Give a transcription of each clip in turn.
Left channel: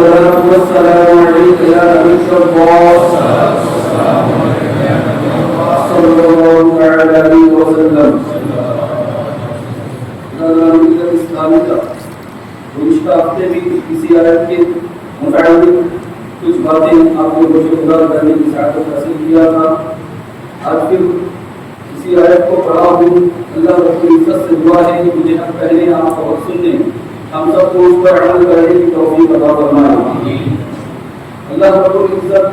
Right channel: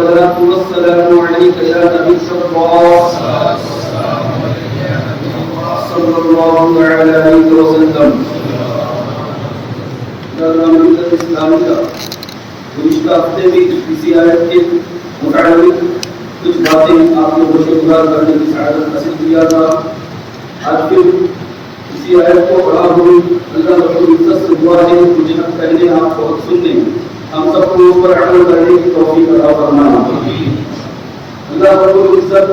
الصلاة والسلام عليك يا نبي الله صلى الله عليه وسلم. اسلامی کا گزشتہ ہفتے میں کسی آیت کے متعلق کچھ باتیں آپ کو بشکار کرنے کی سعادت حاصل کیا تھا. آج پھر اسی آیت کو پڑھا ہوں. اللہ رب العزت سے دعا ہے مجھے حق کہنے آپ کو حق سننے ہم سب کو اس پر عمل کرنے کی توفیق عطا فرمائے. اللہ رب العزت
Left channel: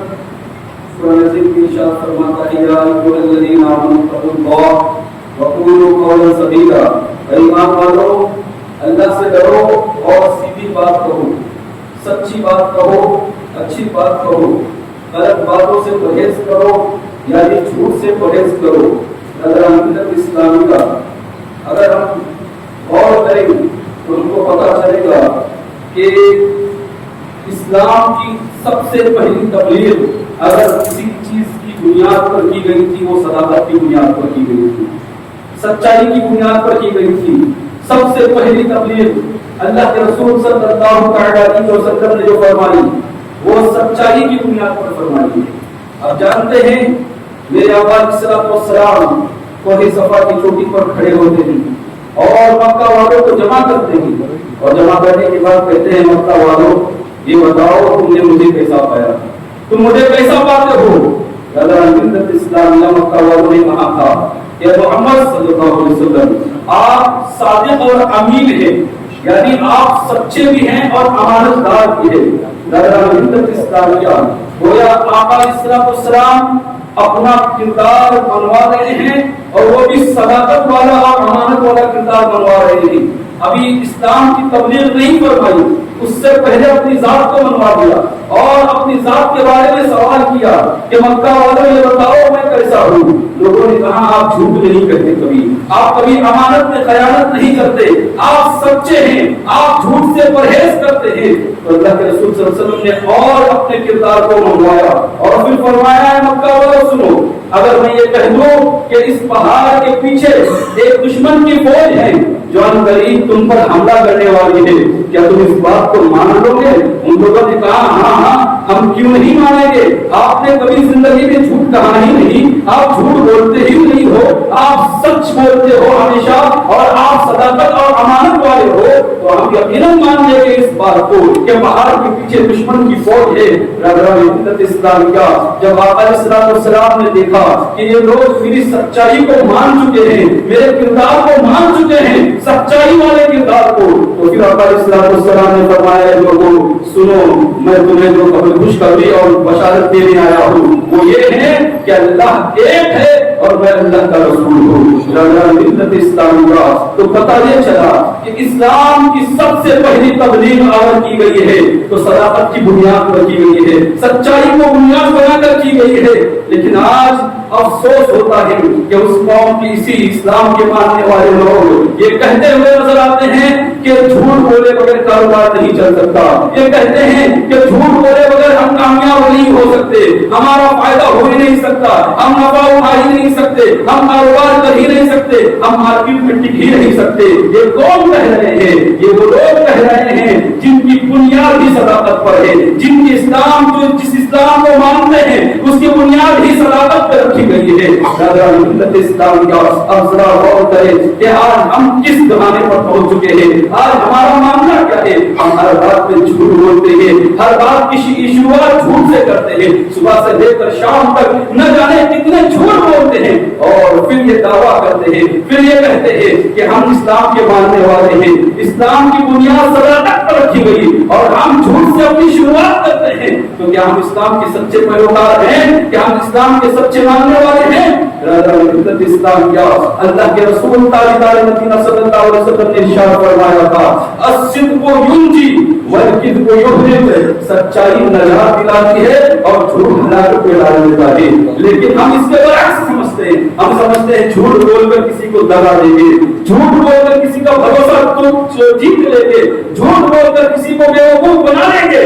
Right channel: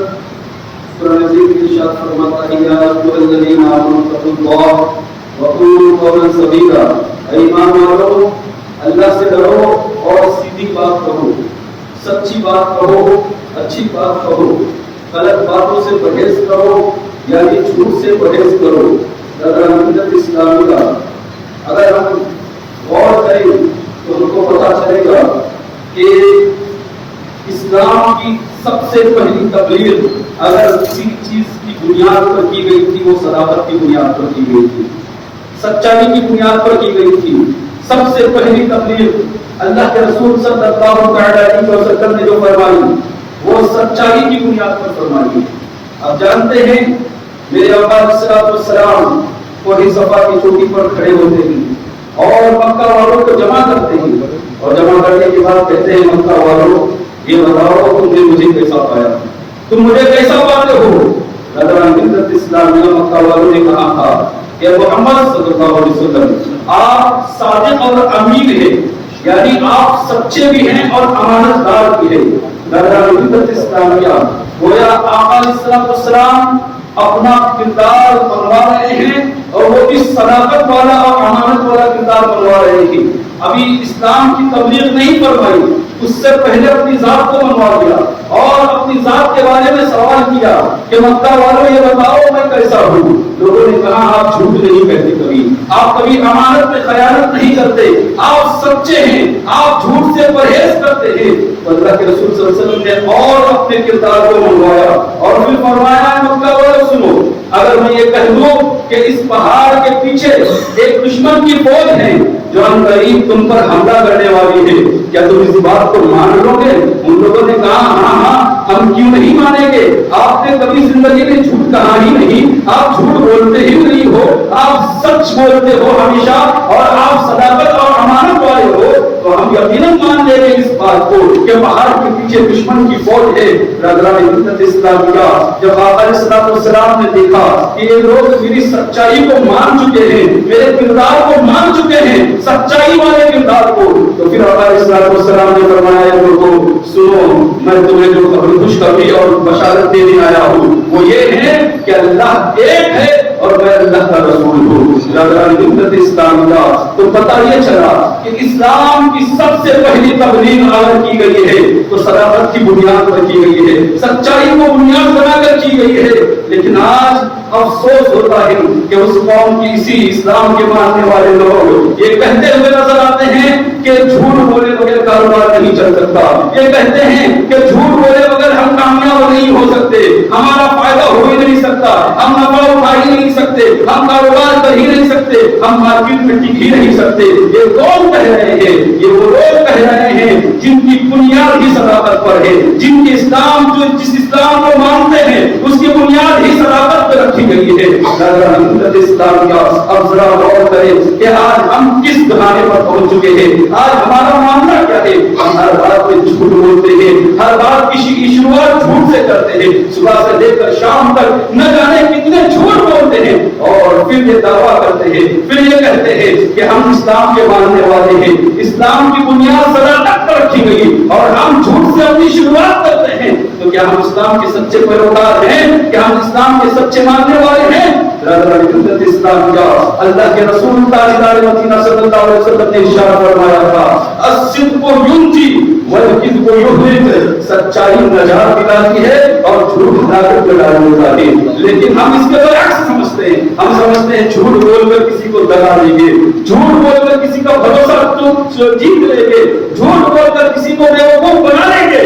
قرآن عظیم کی ارشاد فرماتا ہے یا ایھا الذین آمنوا اتقوا اللہ وقولوا قولا سدیدا. اے ایمان والو اللہ سے ڈرو اور سیدھی بات کہو, سچی بات کہو, اچھی بات کہو, غلط باتوں سے پرہیز کرو یعنی جھوٹ سے پرہیز کرو. ملت اسلامی کا اگر ہم غور کریں تو ان کو پتا چلے گا کہ اسلام کی سب سے پہلی تبلیغ اگر کسی چیز کی بنیاد پر کی گئی تھی وہ صداقت کی بنیاد پر کی گئی تھی, سچائی کی بنیاد پر کی گئی تھی. سب سے پہلی تبلیغ اللہ کے رسول صلی اللہ علیہ وسلم نے جو فرمائی وہ سچائی کی بنیاد پر فرمائی. اب جانتے ہیں میرے آقا علیہ الصلوۃ والسلام کوہ صفا کی چوٹی پر کھڑے ہوتے ہیں اور مکہ والوں کو جمع کرتے ہیں اور جمع کرنے کے بعد کہتے ہیں مکہ والوں یہ بتاؤ تم نے مجھے کیسا پایا, تم مجھے کیسا پاتے ہو. ملت اسلامیہ مکہ والوں نے کہا تھا کہ محمد صلی اللہ علیہ وسلم آپ صادق اور امین ہیں یعنی آپ سچے بھی ہیں اور امانت دار بھی ہیں. ملت اسلامیہ گویا آقا علیہ السلام اپنا کردار بنوا رہے ہیں اور وہ بھی صداقت والا اور امانت والا کردار بنوا رہے ہیں. ابھی اسلام کی تبلیغ نہیں فرمائی, اس سے پہلے اپنی ذات کو منوا دیا اور اپنی ذات کے بارے میں سوال کیا کہ مکہ والوں یہ بتاؤ میں کیسا ہوں. لوگوں نے کہا آپ جھوٹ نہیں کہتے, کبھی آپ کبھی امانت میں خیانت نہیں کرتے, آپ سچے ہیں, آپ جھوٹ سے پرہیز کرتے ہیں. تو اللہ کے رسول صلی اللہ علیہ وسلم نے اور اپنے کردار کو منوایا اور پھر فرمایا مکہ والوں سنو, اگر میں یہ کہہ دوں کہ اس پہاڑ کے پیچھے ایک دشمن کی فوج ہے جو ان قریب تم پر حملہ کرنے والی ہے, کیا تم اس بات کو مان لو گے؟ ان لوگوں نے کہا ہاں ہم کیوں نہیں مانیں گے, آپ نے کبھی زندگی میں جھوٹ کہا ہی نہیں, آپ جھوٹ بولتے ہی نہیں ہو, آپ سچ بولتے ہو ہمیشہ اور آپ صداقت اور امانت والے ہو, تو ہم یقیناً مان لیں گے اس بات کو کہ پہاڑ کے پیچھے دشمن کی فوج ہے. ملت اسلامیہ جب آقا علیہ السلام نے دیکھا کہ یہ لوگ میری سچائی کو مان چکے ہیں, میرے کردار کو مان چکے ہیں, سچائی والے کردار کو, تو پھر آقا علیہ السلام نے فرمایا لوگوں سنو میں تمہیں جو خوشخبری اور بشارت دینے آیا ہوں وہ یہ ہے کہ اللہ ایک ہے اور میں اللہ کا رسول ہوں. ملت اسلامیہ تو پتہ یہ چلا کہ اسلام کی سب سے پہلی تبلیغ عام کی گئی ہے تو صداقت کی بنیاد پر کی گئی ہے, سچائی کو بنیاد بنا کر کی گئی ہے. لیکن آج افسوس ہوتا ہے کہ اس قوم کی اسی اسلام کے ماننے والے لوگ یہ کہتے ہوئے نظر آتے ہیں کہ جھوٹ بولے بغیر کاروبار نہیں چل سکتا, یہ کہتے ہیں کہ جھوٹ بولے بغیر ہم کامیاب نہیں ہو سکتے, ہمارا فائدہ ہو ہی نہیں سکتا, ہم نفع اٹھا ہی نہیں سکتے, ہم کاروبار کر ہی نہیں سکتے, ہم مارکیٹ میں ٹک ہی نہیں سکتے. یہ کون کہہ رہے ہیں؟ یہ وہ لوگ کہہ رہے ہیں جن کی بنیاد ہی صداقت پر ہے, جن کی اسلام جو جس اسلام کو مانتے ہیں اس کی بنیاد ہی صداقت پر رکھی گئی ہے. ملت اسلام کا اب ذرا غور کریں کہ آج ہم کس زمانے پر پہنچ چکے ہیں, آج ہمارا معاملہ کیا ہے. ہم ہر بات میں جھوٹ بولتے ہیں, ہر بات کی شروعات جھوٹ سے کرتے ہیں, صبح سے لے کر شام تک نہ جانے کتنے جھوٹ بولتے ہیں اور پھر یہ دعویٰ کرتے ہیں, پھر یہ کہتے ہیں کہ ہم اسلام کے ماننے والے ہیں, اسلام کی بنیاد صداقت پر رکھی گئی اور ہم جھوٹ سے اپنی شروعات کرتے ہیں. تو کیا ہم اسلام کے سچے پیروکار ہیں؟ کیا ہم اسلام کے سچے ماننے والے ہیں؟ ملت اسلام کیا اللہ کے رسول تاجدار مدینہ صلی اللہ علیہ وسلم نے ارشاد فرمایا تھا الصدق ينجي والكذب يهلك, سچائی نجات دلاتی ہے اور جھوٹ ہلاکت میں ڈال دیتا ہے. لیکن ہم اس کے برعکس سمجھتے ہیں, ہم سمجھتے ہیں جھوٹ بول کر کسی کو دگا دیں گے, جھوٹ بول کر کسی کا بھروسہ جیت لیں گے, جھوٹ بول کر کسی کو بیوقوف بنا لیں گے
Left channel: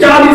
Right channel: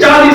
40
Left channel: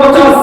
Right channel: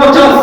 50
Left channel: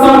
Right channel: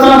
60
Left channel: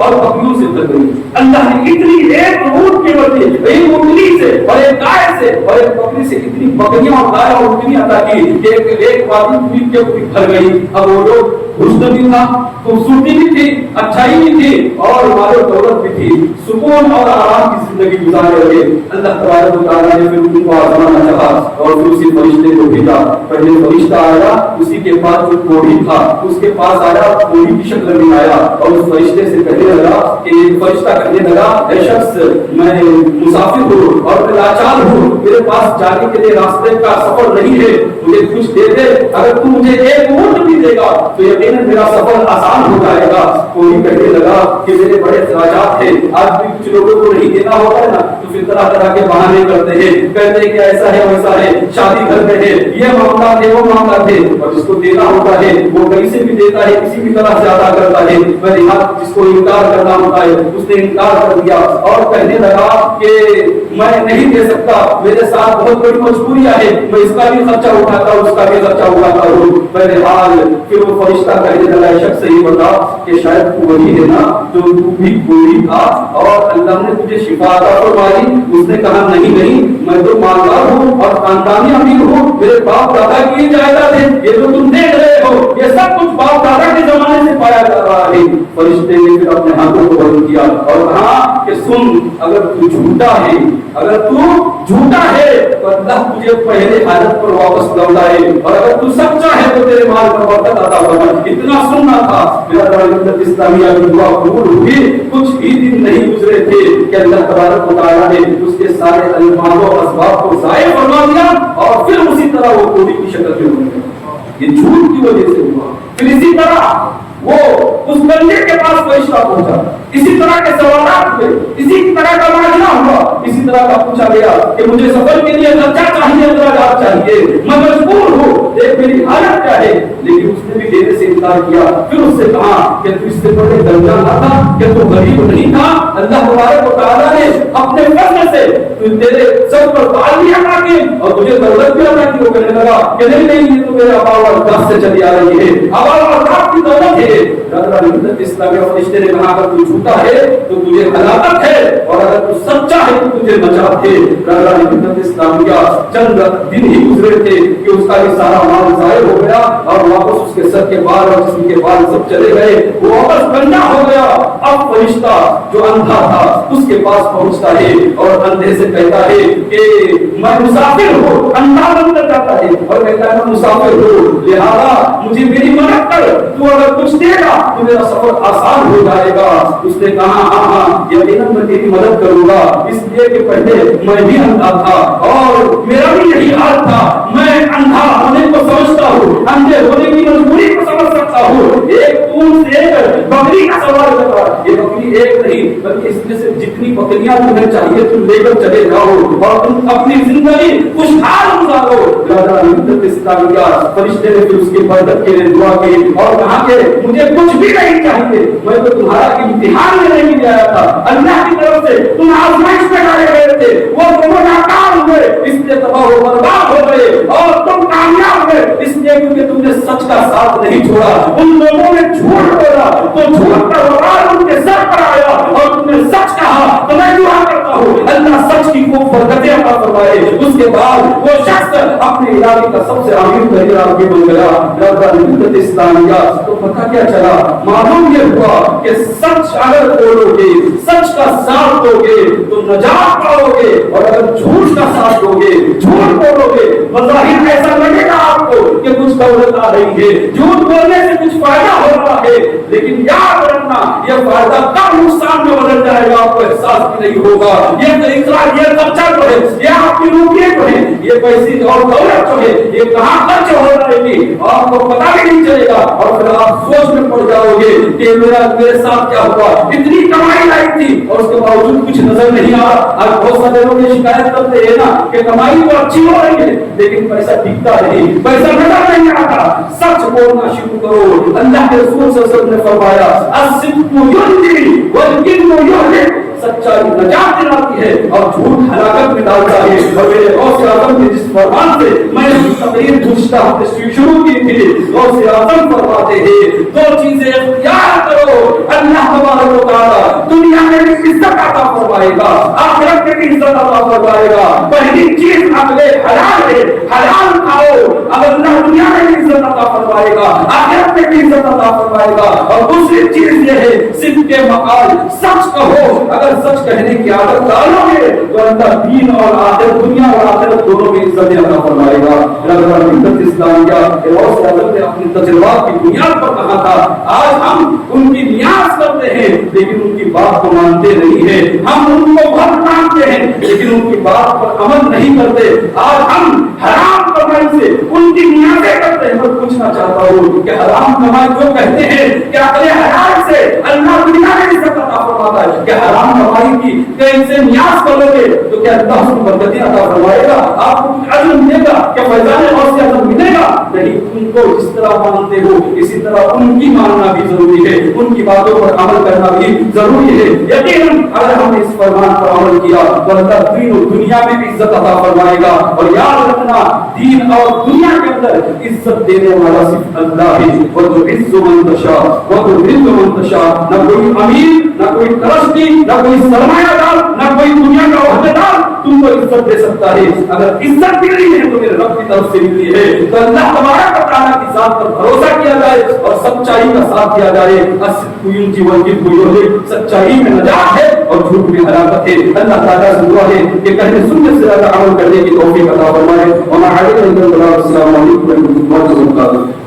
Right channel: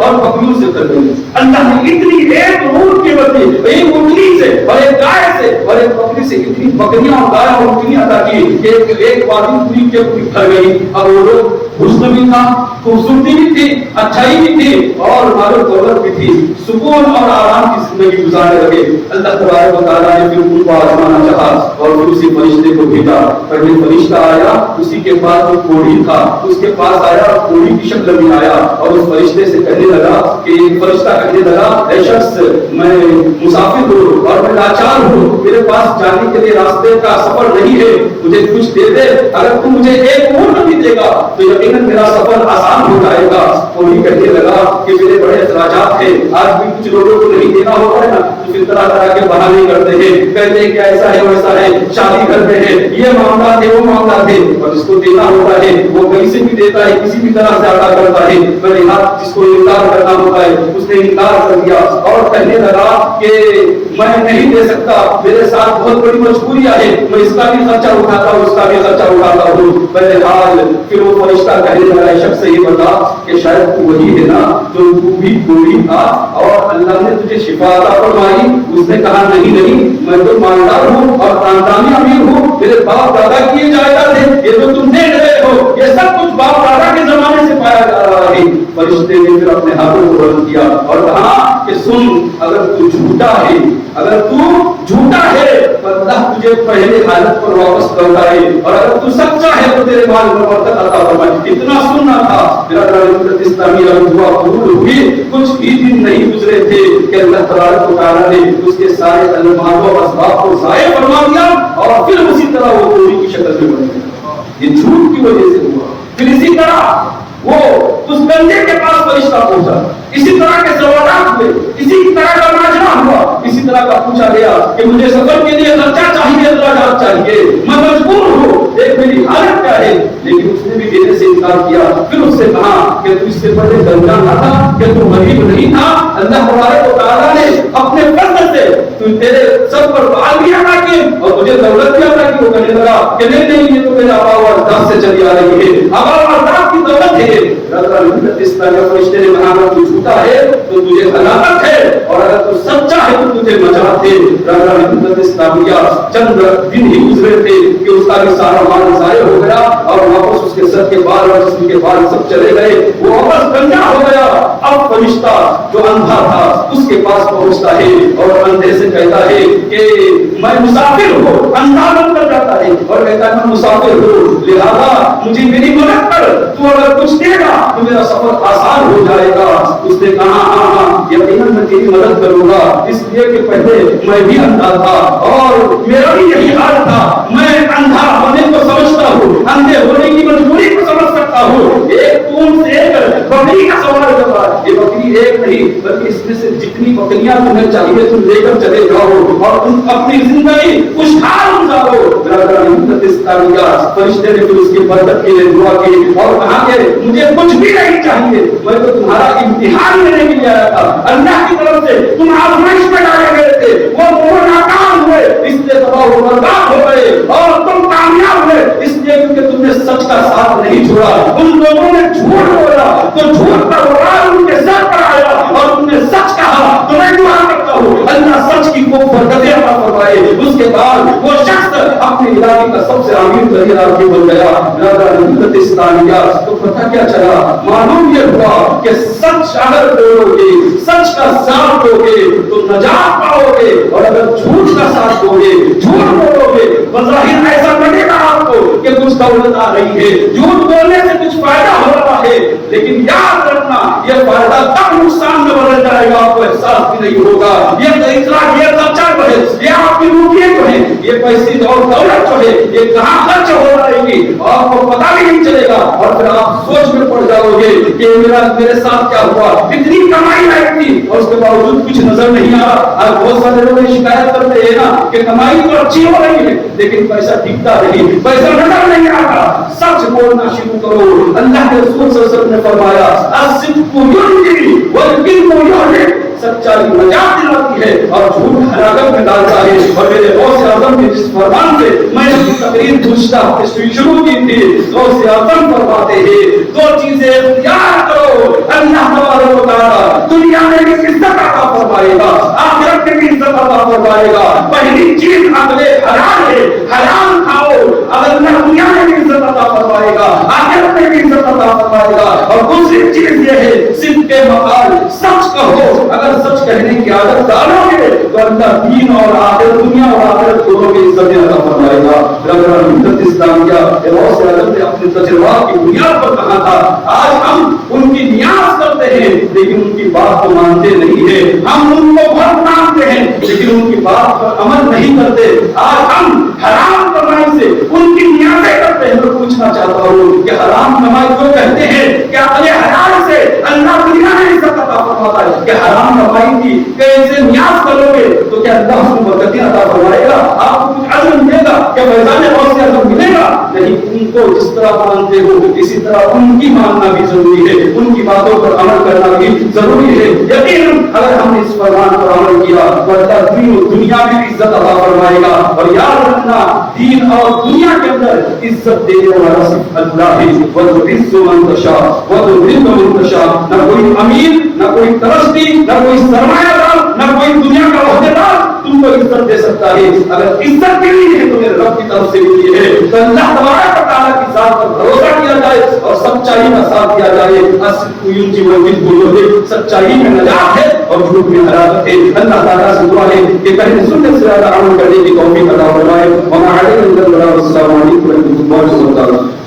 اور بکریوں سے کر گئی. اللہ نے اتنی ایک اونٹ کی بدلے ایک اونٹنی سے اور ایک گائے سے اور ایک بکری سے اتنی بکریاں اور گائے اور اونٹنیاں عطا کی کہ ایک وادی پوری کے پوری بھر گئی. اور وہ لوگ حسن بھی تھا, خوبصورتی بھی تھی, اچھائی بھی تھی اور مال و دولت بھی تھی, سکون اور آرام کی زندگی گزارنے لگے. اللہ تبارک و تعالیٰ نے پھر ان کو آزمانا چاہا اور پھر اسی فرشتے کو بھیجا. پہلے فرشتہ آیا, اسی کے پاس جو کوڑی تھا اس کے پاس آیا, کوڑی کی شکل میں آیا اور اس فرشتے سے کہنے لگا کہ فرشتہ کہنے لگا اے شخص میں مسافر ہوں اور میں لاچار ہوں, میرے پاس جانے کے لیے راستے کا سفر نہیں ہے, مجھے کچھ دے دے, اگر تو مجھے ایک اونٹ بھی دے گا تو یقیناً میرا سفر آسان ہو جائے گا. کوئی کہنے لگا کہ میرے بڑے اخراجات ہیں, آج بھی کچھ لوگوں کو نہیں دینا ہوتا ہے نا تو پھر طرح طرح کے بہانے کرتے ہیں, کہتے ہیں کہ ایسا ہے ویسا ہے, شادی گھر میں ہے, یہ معاملہ ہے وہ معاملہ ہے, اور جس کو دینا ہوتا ہے وہ کہیں سے بھی دیتا ہے, کسی بھی طرح سے ادا کرتا ہے. جس کو انکار کرنا ہوتا ہے اس نے انکار کر دیا اور کہنے لگا کہ میں نہیں دے سکتا, میرے ساتھ بہت بڑی مجبوریاں ہیں, میں اس کا بھی خرچہ اٹھاتا ہوں, اس کا بھی خرچہ اٹھاتا ہوں. بہرحال پھر وہ فرشتہ کہنے لگا شخص سے یہ بتا کہ شاید تو وہی ہے نا جو تو بھی کوئی تھا اور اللہ نے تجھے شفا عطا فرمائی. اس نے کہا نہیں نہیں, میں تو مالدار ہوں اور خاندانی امیر ہوں, میرے باپ دادا کیے جائیداد ہے, یہ جو تم دیکھ رہے ہو یہ سب کچھ باپ دادا کے زمانے سے پایا جا رہا ہے. فرشتے نے پھر اپنے ہاتھوں کو بلند کیا اور کہا کہ سن, اگر تو جھوٹا ہے, اگر تو جھوٹا ہے تو اللہ تجھے پہلے حالت پر واپس لوٹائے, اور اگر تو سچا ہے تو تیرے مال میں برکت عطا فرمائے. اتنا سننا تھا. میرا دعوت اسلامی دعا قبول ہوئی, کچھ ہی دن نہیں گزرے تھے کہ اللہ تبارک و تعالیٰ نے اس کے سارے الماس و اسباب کو ضائع فرما دیا اور پھر اسی طرح وہ کوڑی کی شکل میں بن گیا. یہ جھوٹ کی وجہ سے ہوا. پھر اسی طرح وہ اس بندے کے پاس فرشتہ پہنچا, اسی طرح کے سوالات ہوئے, اسی طرح کا ماجرا ہوا, اسی طرح کا پوچھا گیا کہ مجھے سفر کے لیے خرچہ چاہیے, اخراجات چاہیے, میں مجبور ہوں, دیکھ میری حالت کیا ہے. لیکن اس نے بھی دینے سے انکار کیا. پھر اس سے کہا کہ تو اس سے بڑے درجہ نہ تھا, کہ تو غریب نہیں تھا, اللہ تبارک و تعالیٰ نے اپنے فضل سے تیرے سر پر بال بھی عطا کیے اور تجھے دولت بھی عطا کی. وہ کہنے لگا کہ نہیں نہیں, یہ تو میرے آبا و اجداد سے چلی آ رہی ہے, آبا و اجداد کی دولت ہے. فرشتے نے کہا اگر تو جھوٹا ہے تو تجھے ہلاکت ہے, اور اگر تو سچا ہے تو تجھے نجات ہے. اسلامیہ چند دن ہی گزرے تھے کہ اس کا بھی سارا مال ضائع ہو گیا اور واپس اس کے سر کے بال اور جسم کے بال سب چلے گئے. وہ واپس گنجا ہو گیا. اب فرشتہ جو اندھا تھا اس کے پاس پہنچتا ہے اور اندھے سے کہتا ہے کہ میں مسافر ہوں. اندھا بندہ کرتا ہے اور کہتا ہے میں مسافر ہوں, لہذا مجھے میری مدد کر, تو اگر کچھ دے گا تو میرا سفر آسان ہو جائے گا. اس نے کہا ہاں ہاں یقیناً میں تیری مدد کروں گا, اس لیے کہ پہلے میں بھی اندھا تھا اور میرا بھی یہی حال تھا. میں اندھا ہونے کو سمجھتا ہوں, اندھے ہونے کی مجبوری کو سمجھ سکتا ہوں. ایک تم سے ایک بکری کا سوال کر رہا ہے, یہ بکری ایک نہیں بلکہ اس میں سے جتنی بکریاں تمہیں چاہیے تم لے کر چلے جاؤ اور تم اپنی زندگی خوشحال گزارو. فرشتے نے پھر اس کی مدد کے لیے دعا کی اور کہا کہ مجھے کچھ بھی نہیں چاہیے, میں تو تمہارا امتحان لینے کے لیے آیا تھا. اللہ کی طرف سے تم آزمائش میں ڈالے گئے تھے, وہ دونوں ناکام ہوئے اس لیے تباہ و برباد ہو گئے, اور تم کامیاب ہوئے اس لیے کیونکہ تم نے سچ کا ساتھ نہیں چھوڑا. ان لوگوں نے جھوٹ بولا تو جھوٹ کا وبال ان کے سر پر آیا, اور تم نے سچ کہا. تو میں دعا کرتا ہوں اللہ سچ کی خوب برکتیں عطا فرمائے. اس کے بعد وہ شخص اپنے علاقے کا سب سے امیر ترین آدمی بن گیا. ملت اسلامیہ تو پتہ کیا چلا, معلوم یہ ہوا کہ سچ اگر بولو گے, سچ کا ساتھ دو گے تو نجات پاؤ گے, اور اگر جھوٹ کا ساتھ دو گے, جھوٹ بولو گے, بظاہر ایسا لگے گا آپ کو کہ کچھ دولت آ رہی ہے, جھوٹ بولنے سے کچھ فائدہ ہو رہا ہے, لیکن یاد رکھنا یہ فائدہ تب نقصان میں بدل جائے گا, آپ کو احساس بھی نہیں ہوگا. یہ اقرار, یہ سچا جو ہے, یہ آپ کی روپیے جو ہے, یہ پیسے اور دولت جو ہے, یہ کہاں خرچ ہو رہے گی آپ کو پتا بھی نہیں چلے گا, اور پھر آپ سوچ میں پڑ جاؤ گے کہ میرے ساتھ کیا ہوا. اتنی کمائی لائق تھی اور اس کے باوجود کچھ نظر نہیں آ رہا. آج بہت سارے لوگ شکایت کرتے ہیں نا کہ کمائی تو اچھی ہو رہی ہے لیکن پیسہ ٹکتا نہیں, پیسہ نظر نہیں آتا. سچ بولنا شروع کرو. اللہ کے رسول صلی اللہ علیہ وسلم نے فرمایا الصدق یہدی والکذب یہلک, سچائی نجات دلاتی ہے اور جھوٹ ہلاکت میں ڈالتا ہے. اور میرے غوث اعظم کے جس فرمان سے میں نے اپنی تقریر گزشتہ ہفتے شروع کی تھی, غوث اعظم فرماتے ہیں دو چیزیں اختیار کرو, اللہ تبارک و تعالیٰ فرمائے گا، آخرت میں بھی عزت عطا فرمائے گا۔ پہلی چیز عقل حلال ہے، حلال کھاؤ، اگر اللہ دنیا میں بھی عزت عطا فرمائے گا، آخرت میں بھی عزت عطا فرمائے گا۔ اور دوسری چیز یہ ہے صدق مقال، سچ کہو، اگر سچ کہنے کی عادت ڈالو گے تو اللہ دین اور آخرت، دنیا اور آخرت دونوں کی عزت عطا فرمائے گا۔ ملت اسلامیہ نے اپنے تجربات کی بنیاد پر کہا تھا، آج ہم ان کی نیاز کرتے ہیں لیکن ان کی بات کو مانتے نہیں ہیں، ہم ان کو بہت مانتے ہیں لیکن ان کی بات پر عمل نہیں کرتے۔ آج ہم حرام کمائی سے ان کی نیازیں کرتے ہیں۔ میں پوچھنا چاہتا ہوں کہ حرام کمائی جو کہتے ہیں کہ اپنے حلال سے اللہ دنیا میں عزت عطا فرماتا ہے، کہ حرام کمائی کی کیسے نیاز کرو گے تو کیا اللہ اس کو برکتیں عطا فرمائے گا؟ آپ کو کچھ عزم ملے گا؟ کیا فیضان غوث عزم ملے گا؟ نہیں، ان کو جس طرح مانتے ہو اسی طرح ان کی ماننا بھی ضروری ہے، ان کی باتوں پر عمل کرنا بھی ضروری ہے۔ یقیناً اگر ہم نے اس فرمان پر عمل کیا تو اللہ دین و دنیا میں عزت عطا فرمائے گا۔ اور یاد رکھنا، دین اور دنیا کے اندر عزت دینے والا صرف اللہ ہے۔ وَتُعِزُّ مَن تَشَاءُ وَتُذِلُّ مَن تَشَاءُ۔ نہ کوئی امیر، نہ کوئی ٹرسٹی، نہ کوئی سرمایہ دار، نہ کوئی دنیا کا عہدیدار تم کو عزت دے سکتا ہے۔ اگر عزت ملی ہے تو میرے رب کی طرف سے ملی ہے۔ تو اللہ تبارک و تعالیٰ کی ذات پر بھروسہ کیا جائے اور سچائی کا ساتھ دیا جائے۔ الصدق ينجي والكذب يهلك، سچائی میں نجات ہے اور جھوٹ میں ہلاکت ہے۔ اللہ تعالیٰ سے دعا ہے کہ پہلے سنت سے زیادہ عمل کرنے کی توفیق عطا فرمائے۔ وما علينا الا البلاغ۔ السلام علیکم ورحمۃ اللہ وبرکاتہ۔